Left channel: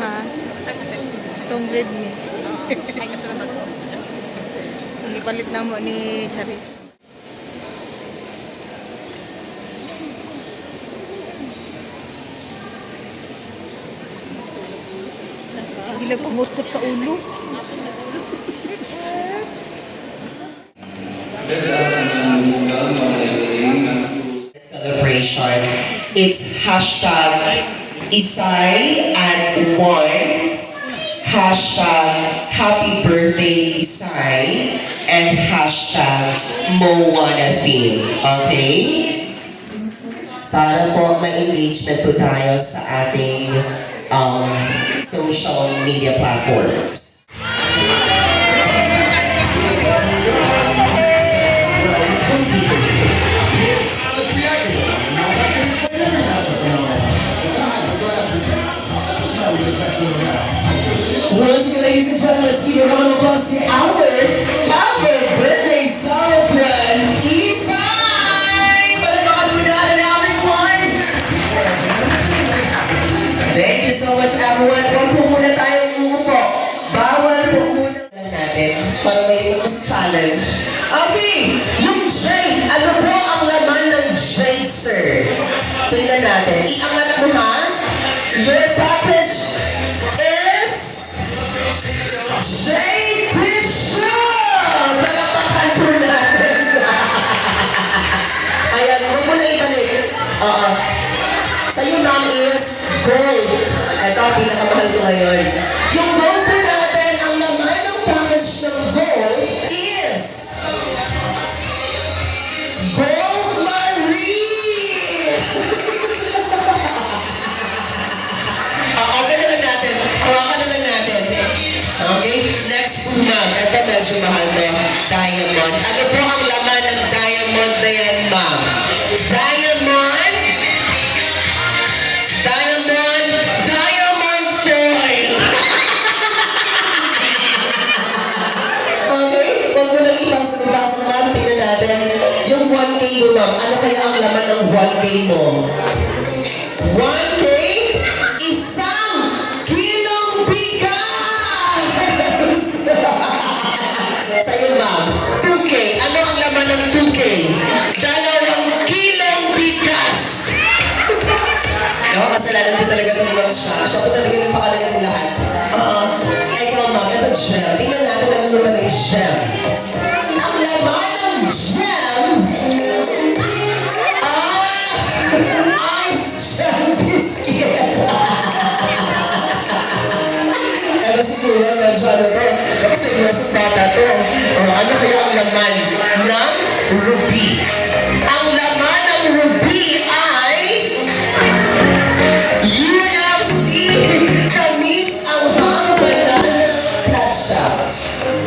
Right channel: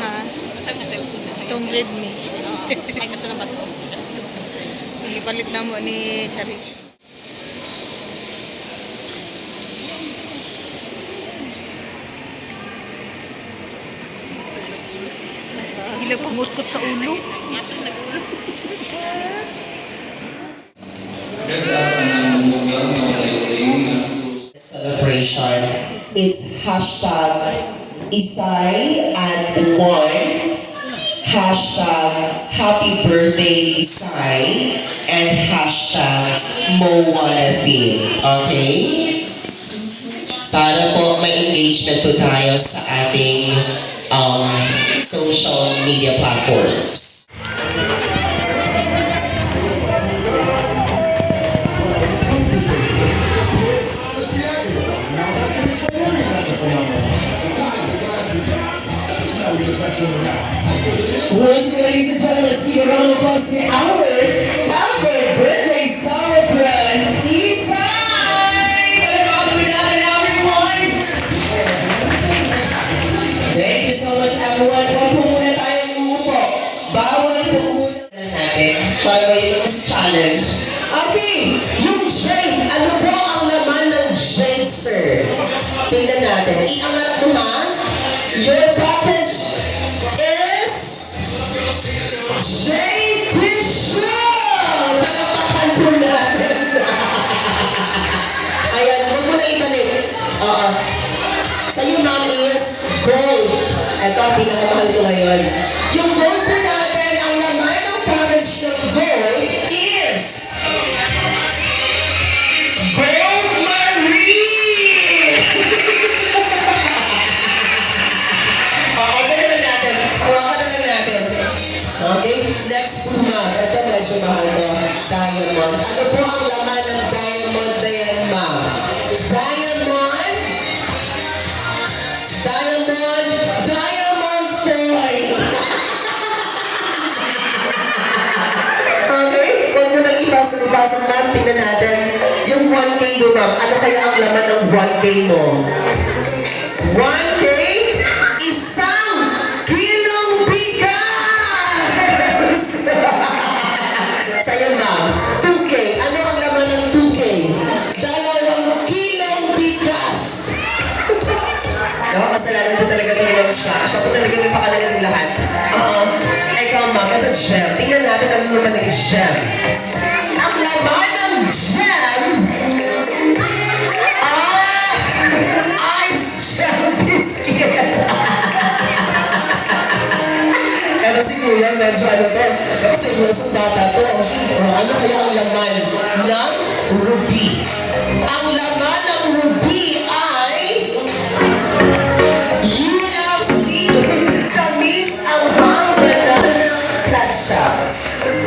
Ha? Itong Redmi. Ay, ito na ba ito? Ipalit na mo ni Charis. Sige lang, pangutkot sa ulo. Celebration. It's hashtag Isay and one, hashtag Happy Birthday Isay, and hashtag Mo Wanna Feel. Okay? Para po may engagement po tayo sa ating social media platforms. Once again, ladies and gentlemen, let's give a round of applause to our birthday celebrant, Isay! Palamakan po natin, everyone! Thank you so much, everyone. Huwag po muna tayong umupo. Bawal po muna natin para may mas challenge. Okay, yung J, ano po ang laman ng J, sir? Tingnan natin. Iangat mo, ha? Your package is J. Bishop! Palakpakan po natin. Ayan, huwag mo na ibalik. Oo. Sa'yo, ma'am, is gold. Ito, pinakamahal ko ngayon. Yung gold po natin, ang laman ng package ng gold is Gold Marie! Okay na lang natin. Hawakan na lang natin. Okay? Next po, ma'am. Ito, medyo mahal to. Diamond. Ano po ang laman ng diamond na yan, ma'am? Diamond? Diamond foil! Okay? Huwag mo nang ipasok, ma'am. Tingnan natin. Yung 1K mo, ma'am. Ano kaya ang laman ng 1K mo? 1K? Isang kilong bigas! Sa'yo, ma'am. 2K. Ano ang laman ng 2K? 2 kilong bigas! Nakakasalanan po talaga ng mga siya. Siya po talaga yung pakalaga ng lahat. Ikaw, ma'am. Ito, gem. Tingnan natin ang laman ng gem. Ang laman ng gem Ice Gem Biscuit! Pero si Kuya, medyo ano to, kasi grosong bata to. Ano kaya ang laman ng ruby? Ang laman ng ruby ay UFC Kamis ang hanggang cut shop.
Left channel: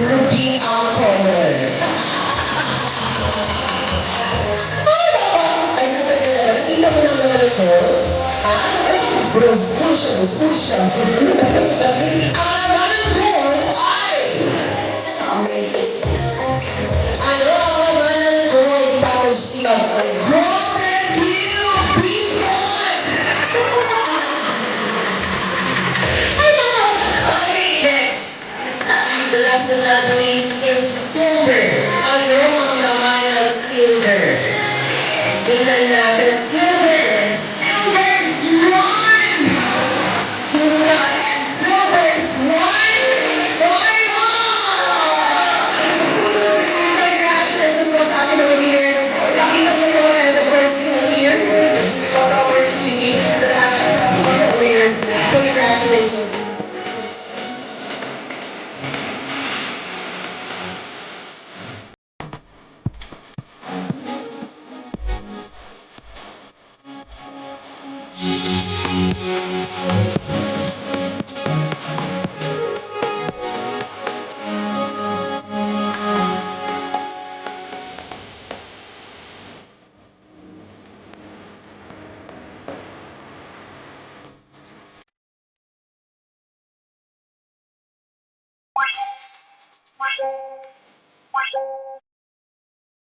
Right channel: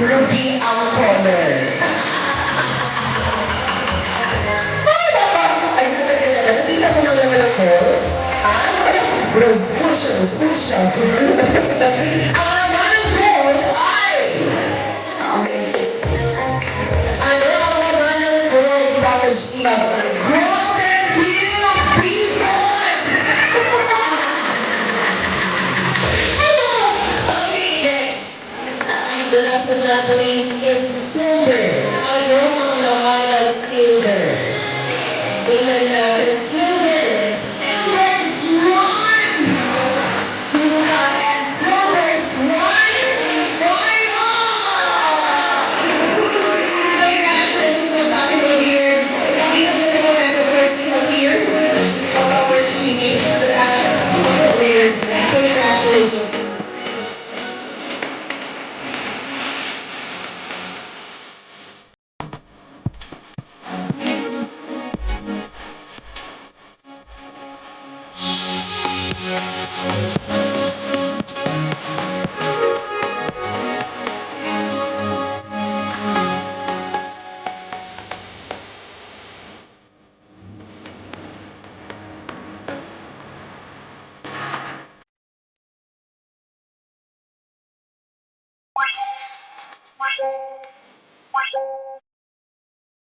Ruby ang color. Nakita mo nang naman ako? Bro, school siya. Ang laman ng gold ay... Ano ang laman ng gold package lang? Golden Deal Bimon! Okay, next. The last but not the least is silver. Ano ang laman ng silver? Tingnan natin, silver is one! And silver is one! Congratulations po sa ating mga leaders. Nakita niyo po and of course, here, opportunity to have mga leaders. Congratulations.